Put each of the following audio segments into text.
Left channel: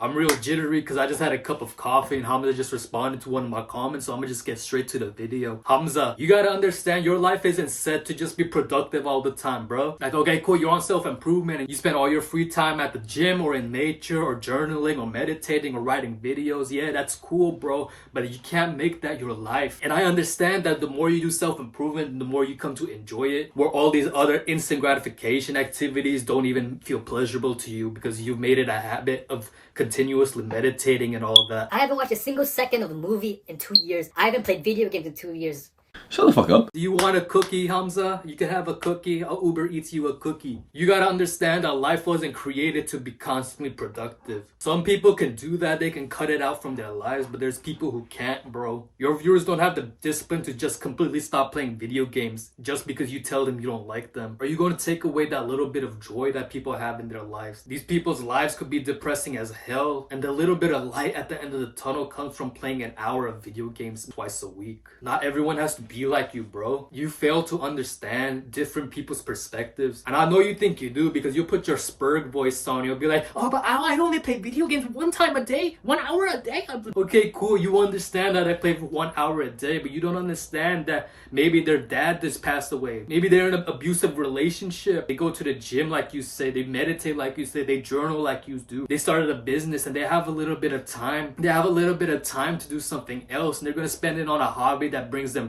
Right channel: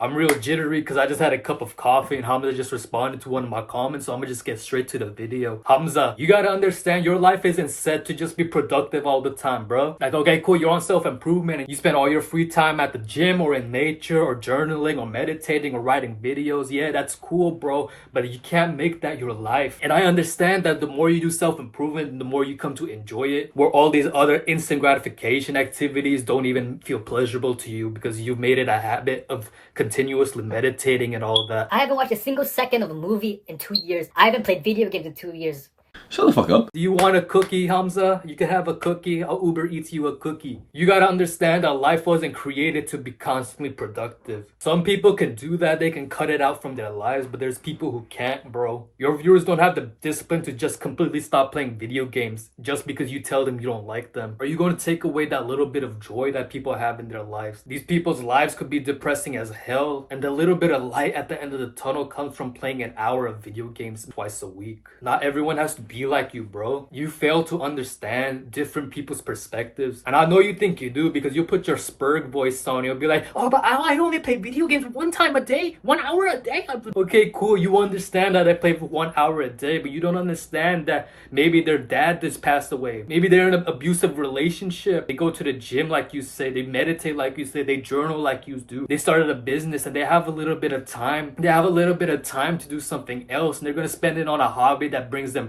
I'm real jittery because I just had a cup of coffee and Hamza just responded to one of my comments, so I'm gonna just get straight to the video. Hamza, you gotta understand your life isn't set to just be productive all the time, bro. Like, okay, cool, you're on self-improvement and you spend all your free time at the gym or in nature or journaling or meditating or writing videos. Yeah, that's cool, bro, but you can't make that your life. And I understand that the more you do self-improvement, the more you come to enjoy it, where all these other instant gratification activities don't even feel pleasurable to you because you've made it a habit of continuously meditating and all of that. I haven't watched a single second of a movie in 2 years. I haven't played video games in 2 years. Shut the fuck up. Do you want a cookie, Hamza? You can have a cookie. I'll Uber Eats you a cookie. You gotta understand that life wasn't created to be constantly productive. Some people can do that. They can cut it out from their lives, but there's people who can't, bro. Your viewers don't have the discipline to just completely stop playing video games just because you tell them you don't like them. Are you going to take away that little bit of joy that people have in their lives? These people's lives could be depressing as hell, and the little bit of light at the end of the tunnel comes from playing an hour of video games twice a week. Not everyone has to be like you, bro. You fail to understand different people's perspectives, and I know you think you do because you put your Spurg voice on. You'll be like, oh, but I only play video games 1 time a day, 1 hour a day. Okay, cool, you understand that I play for 1 hour a day, but you don't understand that maybe their dad just passed away. Maybe they're in an abusive relationship. They go to the gym like you say, they meditate like you say, they journal like you do. They started a business and they have a little bit of time. They have a little bit of time to do something else, and they're gonna spend it on a hobby that brings them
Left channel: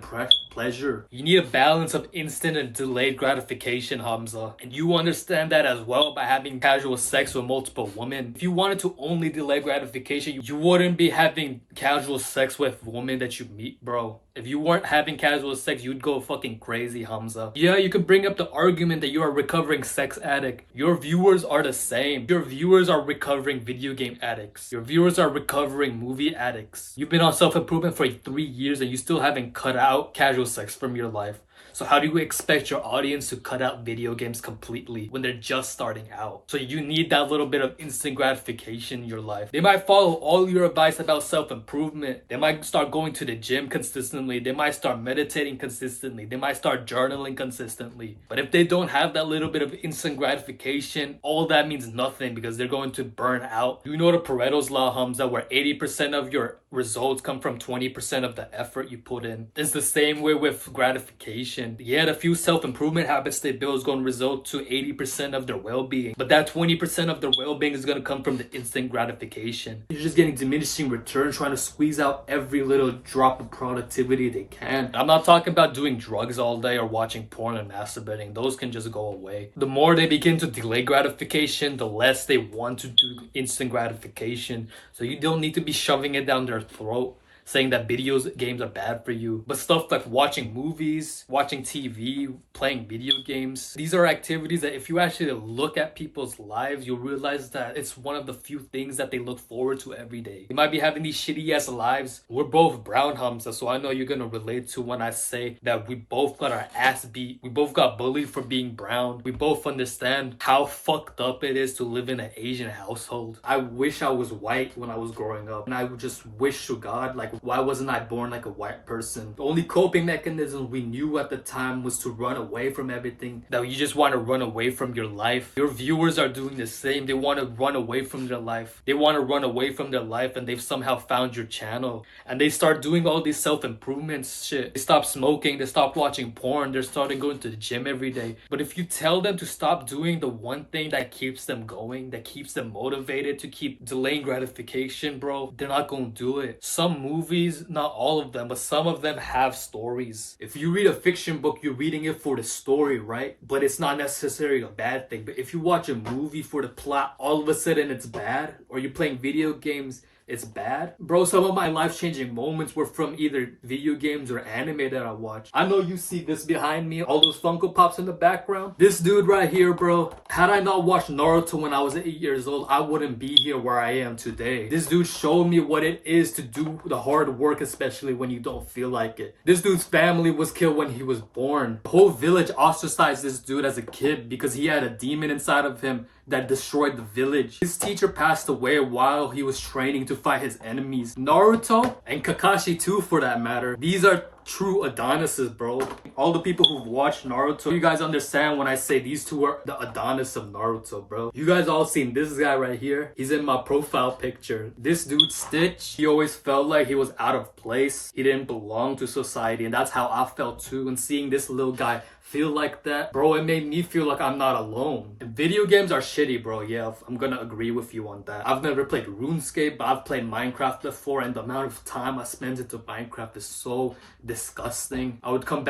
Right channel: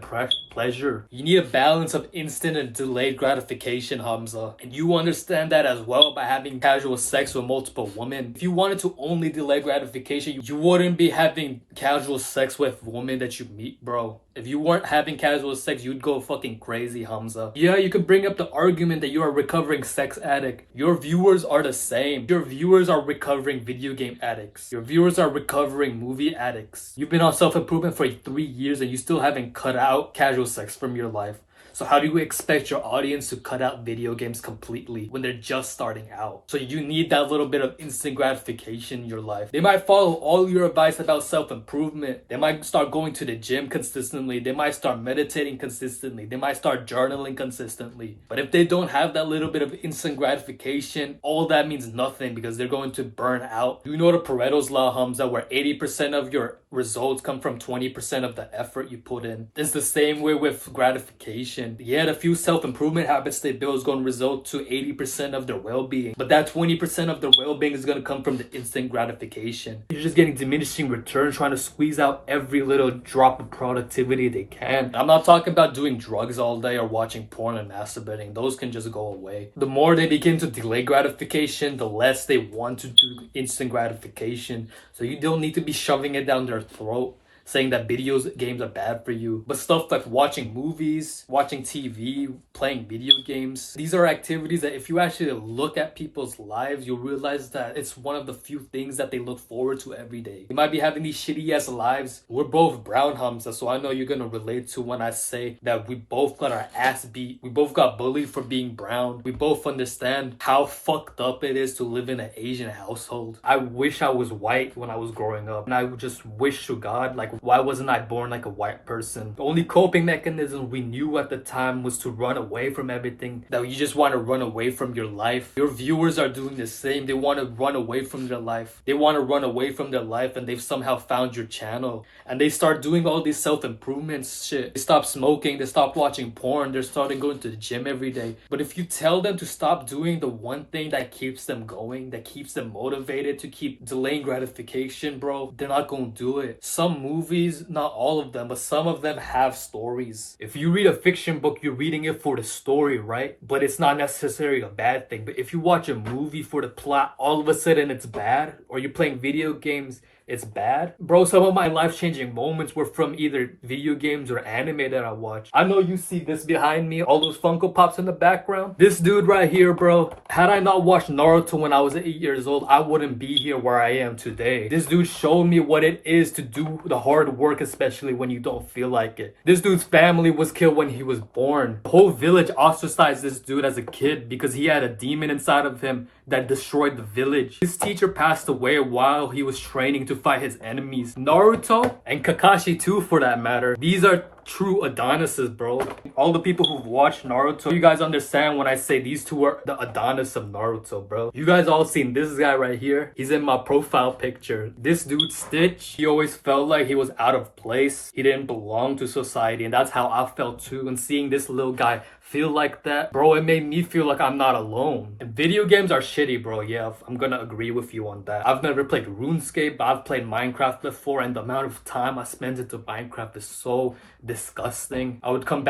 pleasure. You need a balance of instant and delayed gratification, Hamza. And you understand that as well by having casual sex with multiple women. If you wanted to only delay gratification, you wouldn't be having casual sex with women that you meet, bro. If you weren't having casual sex, you'd go fucking crazy, Hamza. Yeah, you could bring up the argument that you're a recovering sex addict. Your viewers are the same. Your viewers are recovering video game addicts. Your viewers are recovering movie addicts. You've been on self-improvement for 3 years and you still haven't cut out casual sex from your life. So how do you expect your audience to cut out video games completely when they're just starting out? So you need that little bit of instant gratification in your life. They might follow all your advice about self-improvement. They might start going to the gym consistently. They might start meditating consistently. They might start journaling consistently. But if they don't have that little bit of instant gratification, all that means nothing because they're going to burn out. You know the Pareto's law, Hamza, where 80% of your results come from 20% of the effort you put in. It's the same way with gratification. Yeah, the few self-improvement habits they build is going to result to 80% of their well-being. But that 20% of their well-being is going to come from the instant gratification. You're just getting diminishing returns, trying to squeeze out every little drop of productivity they can. I'm not talking about doing drugs all day or watching porn and masturbating. Those can just go away. The more they begin to delay gratification, the less they want to do instant gratification. So you don't need to be shoving it down their throat, saying that video games are bad for you. But stuff like watching movies, watching TV, playing video games, these are activities that if you actually look at people's lives, you'll realize that it's one of the few things that they look forward to every day. They might be having these shitty ass lives. We're both brown, Hamza, so I know you're gonna relate to when I say that we both got our ass beat. We both got bullied for being brown. We both understand how fucked up it is to live in an Asian household. I wish I was white when I was growing up, and I would just wish to God, like, why wasn't I born like a white person? The only coping mechanism we knew at the time was to run away from everything. That you just want to run away from your life. Your viewers are doing the same. They want to run away from their life. They want to run away from their life, and they've somehow found your channel. And they start doing all these self-improvement shit. They stop smoking. They stop watching porn. They're starting going to the gym every day. But if you tell them to stop doing the one thing that keeps them going, that keeps them motivated to keep delaying gratification, bro, they're not going to do it. Some movies, not all of them, but some of them have stories. If you read a fiction book, you're reading it for the story, right? But it's not necessarily a bad thing. But if you watch a movie for the plot, all of a sudden it's bad. Or you're playing video games, it's bad. Bro, some of my life-changing moments were from either video games or anime that I watched. I know you see this behind me, all those Funko Pops in the background. This dude right here, bro, had I not watched Naruto when I was 8 years old, I wouldn't be here where I am today. This dude showed me what it is to do the hard work, especially when you don't feel like it. This dude's family was killed when he was born. The whole village ostracized this dude as a kid because he had a demon inside of him that destroyed the village. His teacher passed away while he was training to fight his enemies. Naruto, and Kakashi too for that matter, these are true Adonises, bro. All the people who've watched Naruto, you guys understand when I say these two are the Adonis of Naruto, bro. You guys all seen this guy right here? He's in my profile picture. This dude, Stitch, he always felt like he was out of place. He didn't belong to society, and that's how I felt too. And seeing this little guy feel like that, bro, it made me feel like I'm not alone. And video games are shitty, bro. Yeah, I'm gonna agree with you on that. I've never played RuneScape, but I've played Minecraft before, and the amount of time I spent into Minecraft is so disgusting. I would come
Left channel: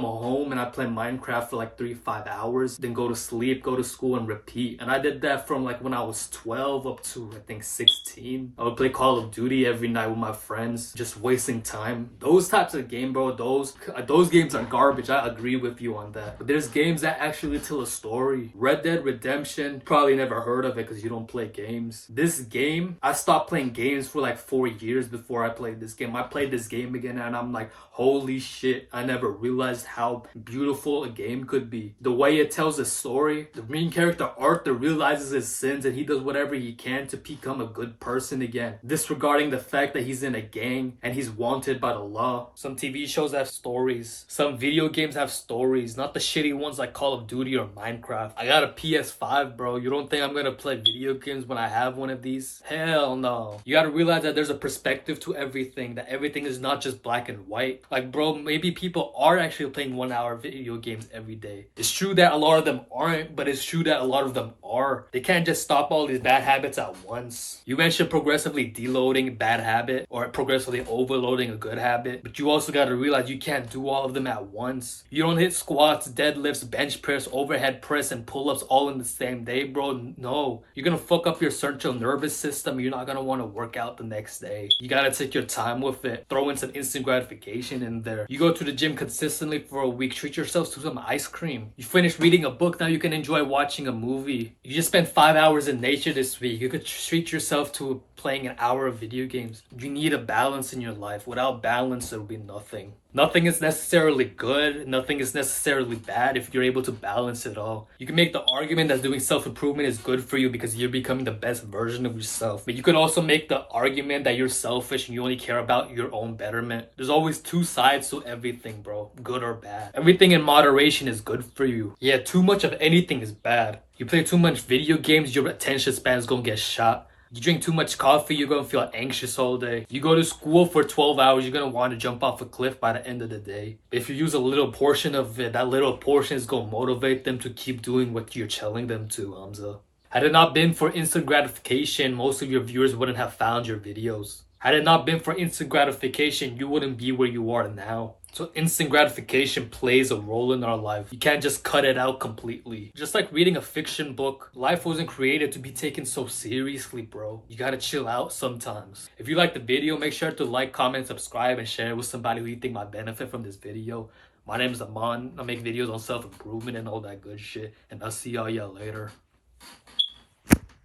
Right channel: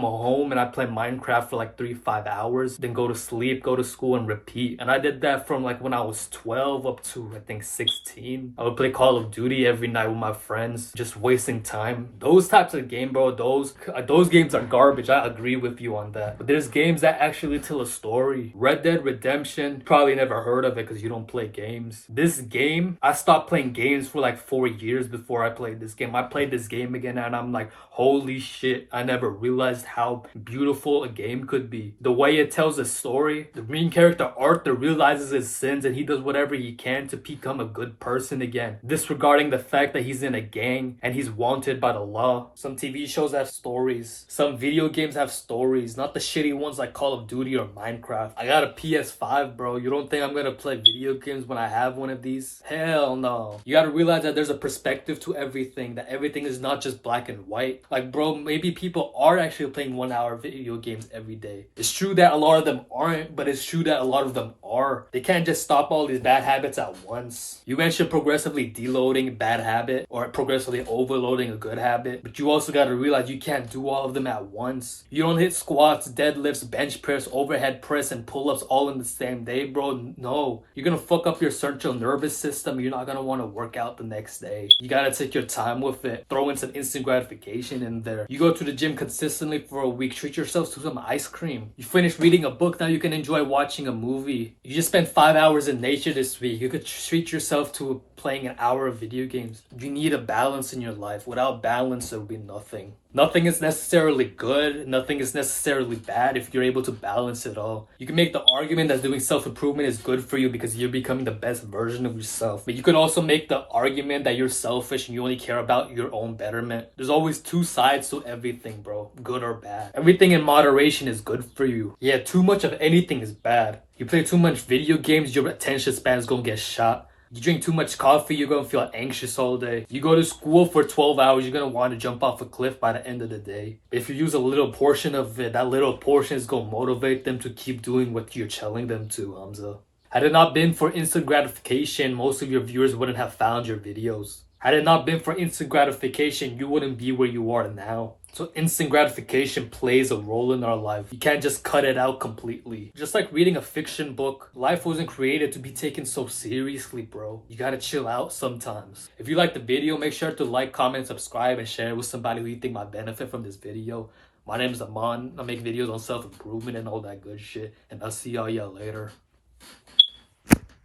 home and I'd play Minecraft for like 3-5 hours, then go to sleep, go to school, and repeat. And I did that from like when I was 12 up to I think 16. I would play Call of Duty every night with my friends, just wasting time. Those types of game, bro, those games are garbage. I agree with you on that. But there's games that actually tell a story. Red Dead Redemption, probably never heard of it because you don't play games. This game, I stopped playing games for like 4 years before I played this game. I played this game again and I'm like, holy shit, I never realized how beautiful a game could be. The way it tells a story, the main character Arthur realizes his sins and he does whatever he can to become a good person again, disregarding the fact that he's in a gang and he's wanted by the law. Some TV shows have stories. Some video games have stories, not the shitty ones like Call of Duty or Minecraft. I got a PS5, bro. You don't think I'm gonna play video games when I have one of these? Hell no. You gotta realize that there's a perspective to everything, that everything is not just black and white. Like, bro, maybe people are actually playing 1 hour video games every day. It's true that a lot of them aren't, but it's true that a lot of them are. They can't just stop all these bad habits at once. You mentioned progressively deloading a bad habit or progressively overloading a good habit, but you also gotta realize you can't do all of them at once. You don't hit squats, deadlifts, bench press, overhead press, and pull-ups all in the same day, bro. No. You're gonna fuck up your central nervous system. You're not gonna want to work out the next day. You gotta take your time with it. Throw in some instant gratification in there. You go to the gym consistently for a week. Treat yourselves to some ice cream. You finish reading a book. Now you can enjoy watching a movie. You just spent 5 hours in nature this week. You could treat yourself to playing an hour of video games. You need a balance in your life. Without balance, there will be nothing. Nothing is necessarily good. Nothing is necessarily bad if you're able to balance it all. You can make the argument that doing self-improvement is good for you because you're becoming the best version of yourself. But you could also make the argument that you're selfish and you only care about your own betterment. There's always two sides to everything, bro. Good or bad. Everything in moderation is good for you. Yeah, too much of anything is bad. You play too much video games, your attention span is gonna get shot. You drink too much coffee, you're gonna feel anxious all day. You go to school for 12 hours, you're gonna want to jump off a cliff by the end of the day. If you use a little portion of it, that little portion is gonna motivate them to keep doing what you're telling them to, Hamza. Had it not been for instant gratification, most of your viewers wouldn't have found your videos. Had it not been for instant gratification, you wouldn't be where you are now. So instant gratification plays a role in our life. You can't just cut it out completely. Just like reading a fiction book, life wasn't created to be taken so seriously, bro. You gotta chill out sometimes. If you like the video, make sure to like, comment, subscribe, and share it with somebody who you think might benefit from this video. My name is Aman. I make videos on self-improvement and all that good shit. And I'll see y'all later.